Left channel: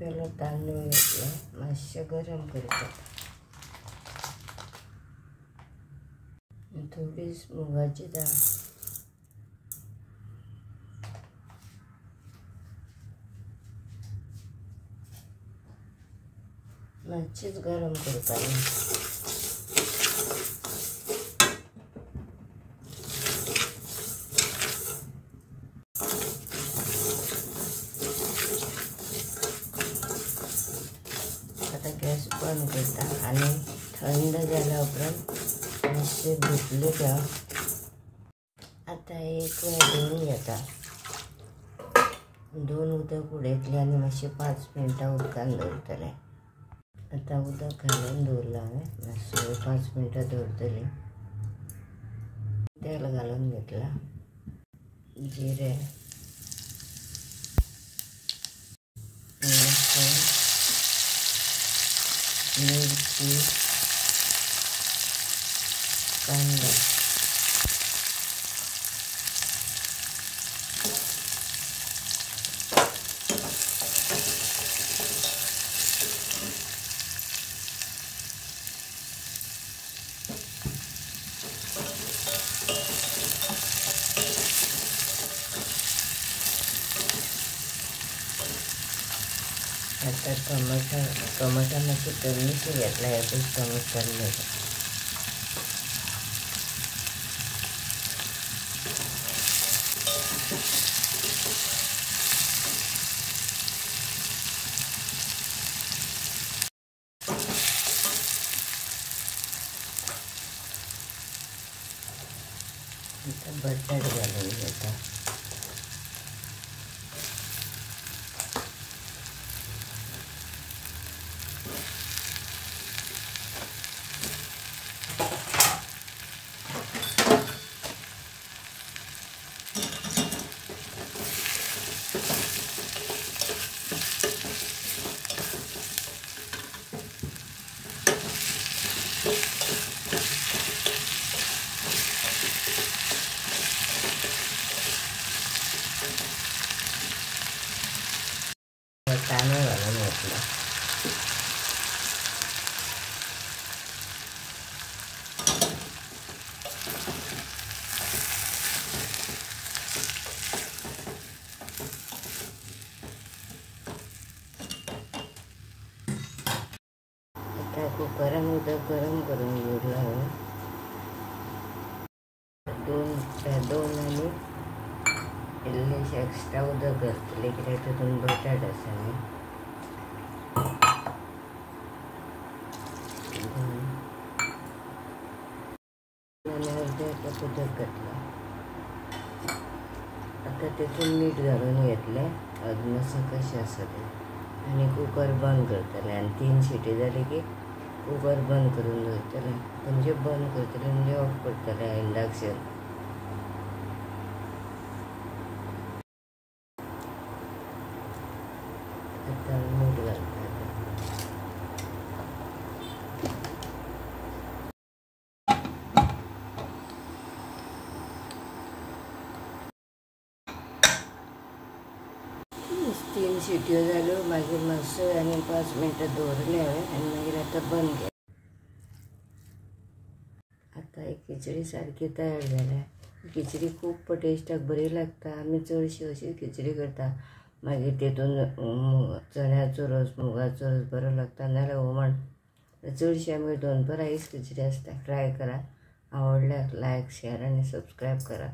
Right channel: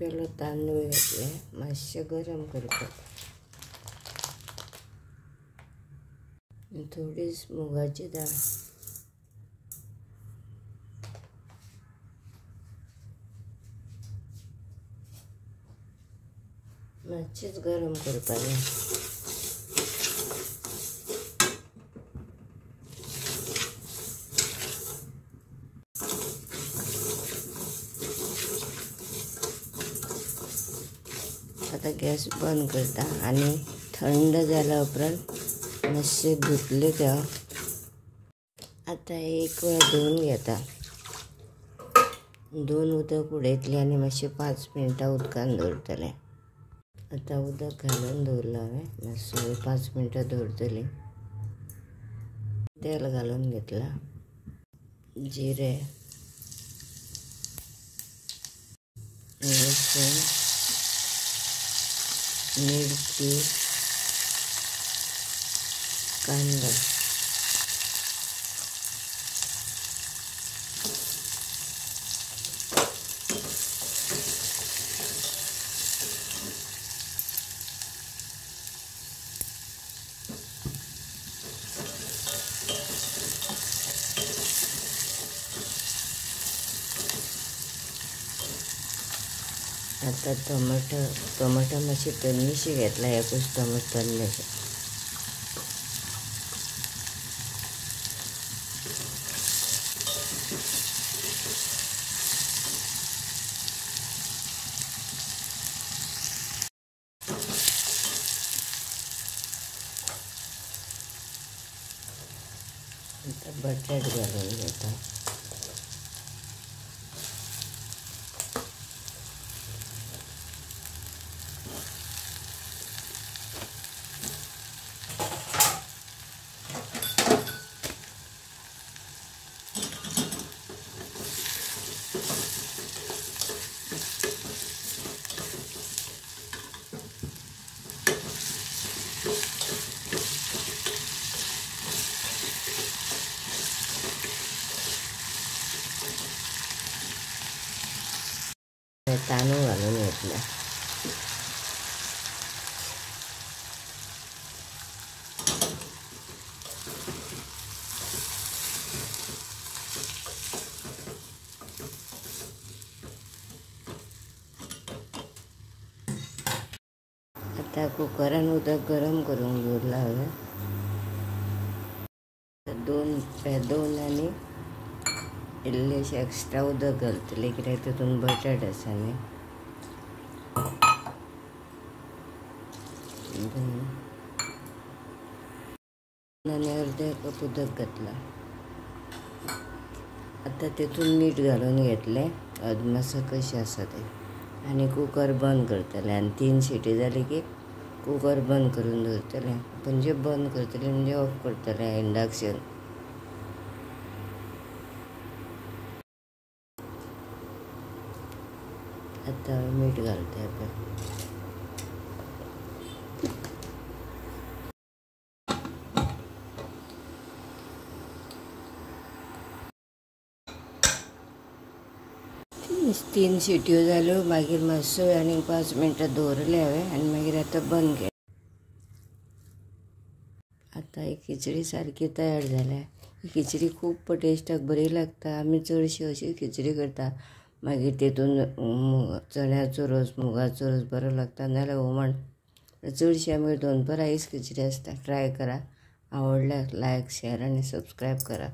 पेलो तांदूळ घेतले, मातशे गरम करतात. थोडीच मुगाची डाळ, मातशीच गरम करताली. आता गॅस बंद करता आणि थंड झाल्या उपरांत मातशे धुतले त्या. आता एक वेळ धुवून घेता. दोन उदक उडयतली आणि मातशे 5 मिनटां उदकान दवरतले. आता उदक घालून दवरला हांवें, मातसो 5 मिनटां दवरतली. तेल घालून घेतला, जिरे, लसूण, मिरची, कांदा, आता टमाटर मातशी तळणीशी घेतला. एकूच टमाटर तळले. आता बटाट घालून घेता. तांदूळ घालून घेतले. आता कुकरान उदक गरम करून दवरला हांवें. दोन आनी इल्लेशें एक्स्ट्रा उदक घालतलें, कित्याक तातूंत बटाट आसा न्ही. आनी अर्दे कप उदक घातला. आता तातूंत मीठ घालून घेतलें, अदमास कशें आसा तें, आनी कुकर बंद करतलें. आनी 3 शिटी जाली की कुकर बंद करून दवरतलें. म्हणजे बंद करतलें म्हणजे ऑफ करतलें इंडक्शन. आता मीठ घालता. तीन शिट्यो जाल्यो. मागीर मातसो आनी 5 मिनटां दवरले हांवें आनी मागीर आतां बंद केलें. आता ही खिचडी सारकी तयार जाल्या. ही खिचडी खूब टेस्टाक बरी लागता. आमी चडशी अशी खिचडी करता. मागीर तेतून चण्याचो रोस, मुगाचो रोस बरो लागता, नाल्यार हुमण. चडशी आमगे दनपार हीच खिचडी आसता. ट्राय करा. आवडल्यार लायक, शेअर आनी सबस्क्रायब करा.